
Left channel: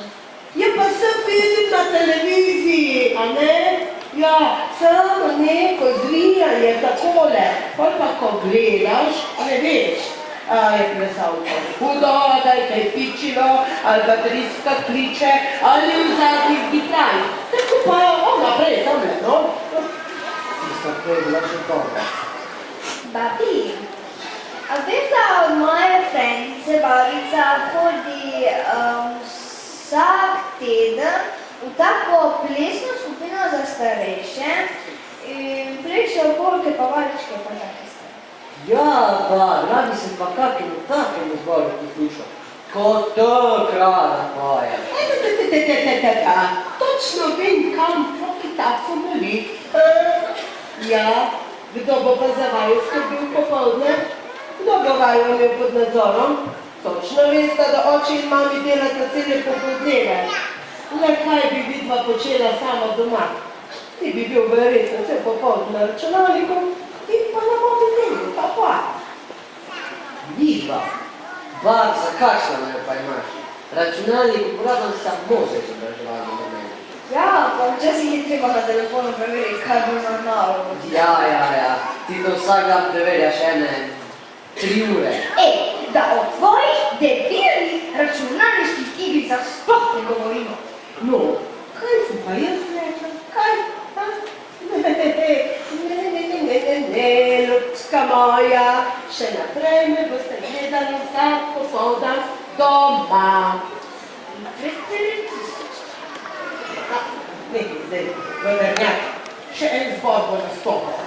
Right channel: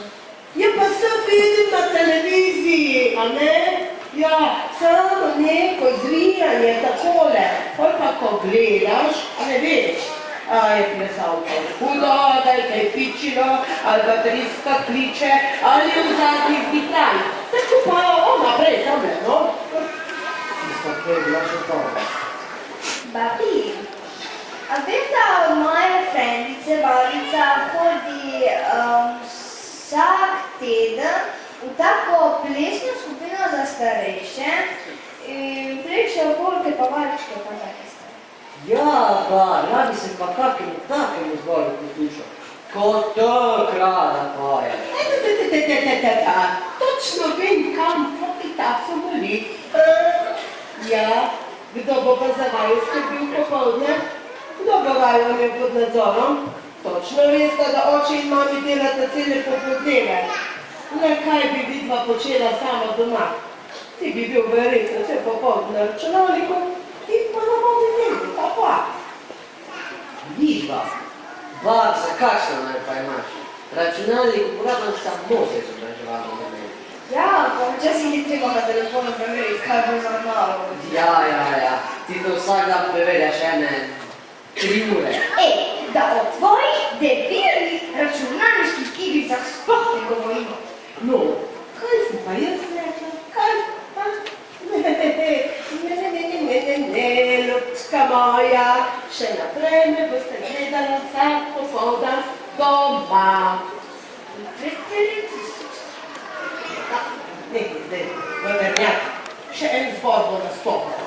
Ja, pa se vidim na televiziji, a ne? Ja, samo neko zvijanje, takole. Pol pa, ko gledaš, ne veš, je plesalko hudo, da je kaj pičilo, ali da driska kliče, ali v zadnji zdihlaj. Tako pa naprej, tamle, no? Tista prej bila še dobra. Babi, a veš, da moja frendice Babica hodi vsak teden v tako plesno skupino za starejše in plešejo polke pa valčke pa take stvari. Ja, pa, radi se pa kakemu takemu zboru priključil. Ko tako rada poje. Točno vem, kam Flokitaco moli. Ja, kdo bo pa za vaju skrbel popoldne? Kdo bo vaju imel pod nadzorom? Točno veste, da oči in mami delata cele popoldneve. Le kaj bi vidva počela sama doma? Ti bi bil verjetno vse popoldne na računalniku, ti pa na mobitelu, pa. Vidva. Bar, za kakšno naj pa imaš? Računalnik uporabljam samo za izobraževalno namene. Ja, pa včasih je treba na telefonu preveriti, kaj bo za nalogo. Ja, ti to vsak dan preverjaš ene 3 ure. Da o tvojih debilnih računalniških igricah sploh ne govorimo. No, kaj sem pa jaz rekla? Kaj? Ne, ljubčka moja, še naprej me boste gledali vsak popoldan doma. Nekaj zdaj, vendernjak, še en zbor bo nastopal.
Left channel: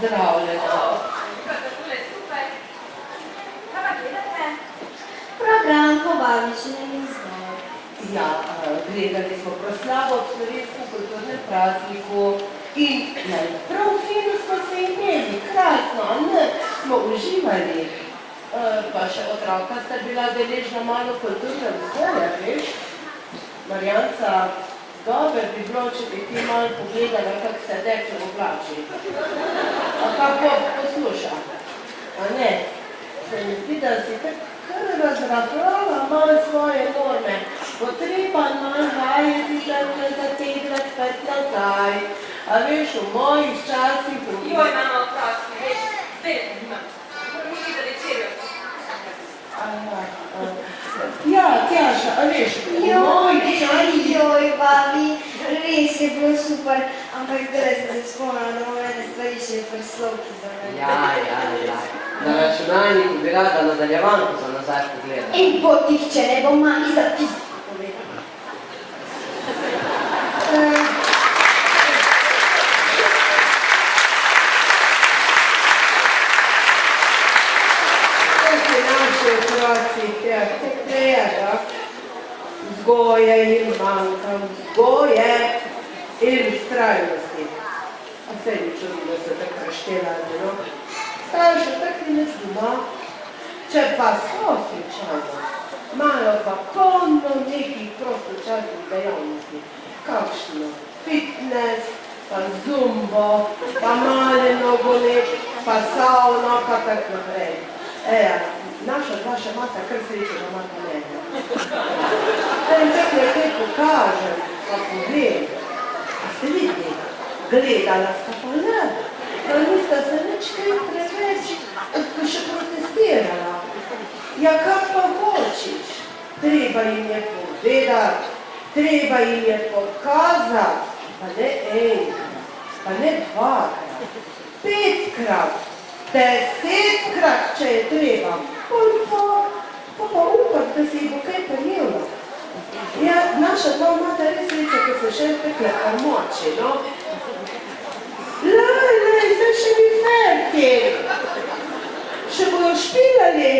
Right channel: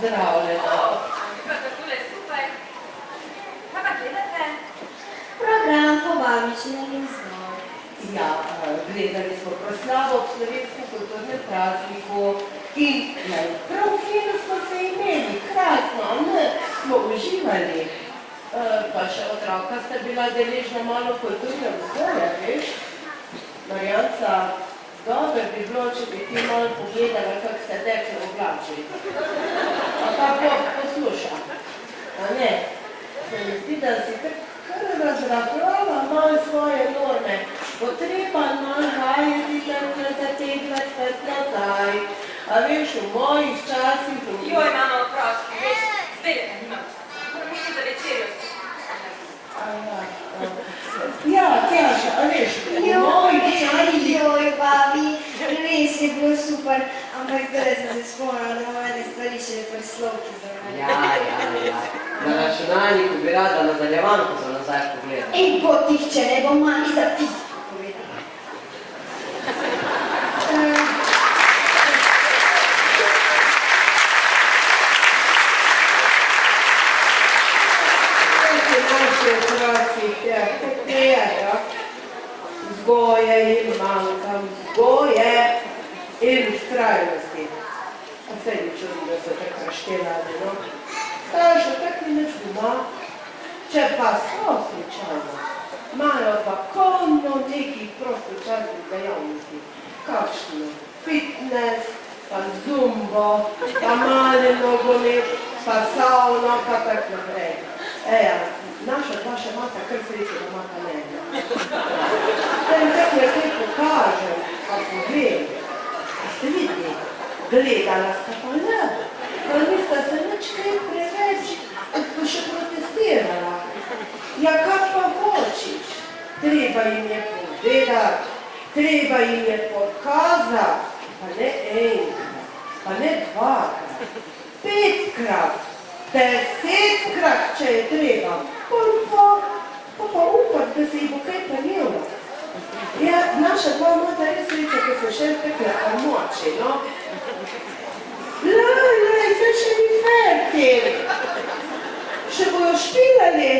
pozdravljena. Takole super. Kaj pa gledate? Program pobavične izbor. Ja, gledali smo proslavo ob slovenskem kulturnem prazniku in prav fino smo se imeli, krasno, ne, smo uživali. Pa še otroka sta bila deležna malo kulturne vzgoje, veš? Marjanca, dober bi bilo, če bi ti malo pogledala, kako se dekle oblači. A kako posluša? A ne? Se mi zdi, da si kar razrabljala malo svoje norme. Potreba malo vajeti, da ne zateglati spet nazaj. A veš, v mojih časih... Joj, mama, oprosti, veš, zdaj le nimam časa. Moram iti za večerjo. Ja, Tjaša, a veš, v mojih časih... Joj, babi, res je bilo super, ampak zdaj sem se spomnila, da imam ene stvari še preslovki za mene. Ja. Na računalniku bi rada nadaljevanko za nazaj pogledala. In potih, če ne bom mami za tisto povedala. Naši otroci tega vzgoje in manjka, vzgoje in vztrajnosti. A se mi čudi, da so tako raštelali, no? Staršo tak ni nič doma, če pa so slučajno, imajo pa polno nekih prostočasnih dejavnosti, kakšno fitness, pa zumbo, pa male nogomet, pa savno, pa tak naprej. Naša dva še imata kar srečo, da imata mene. Da jim tako nekaj pokažem, pa povem. A ste videli? Gledala sta pa ne, pa nista se nič kaj preveč še protestirala. Ja, kak pa hočiš? Treba jim je povedati, treba jim je pokazati, pa ne enkrat, pa ne dvakrat, 5-krat, 10-krat, če je treba, pa upati, da se jih bo kaj prijela. Ja, naša dva imata res sreča, ko se še stekle pomoči, no? Lej, zdaj še ni fertik. Še bojo špilali.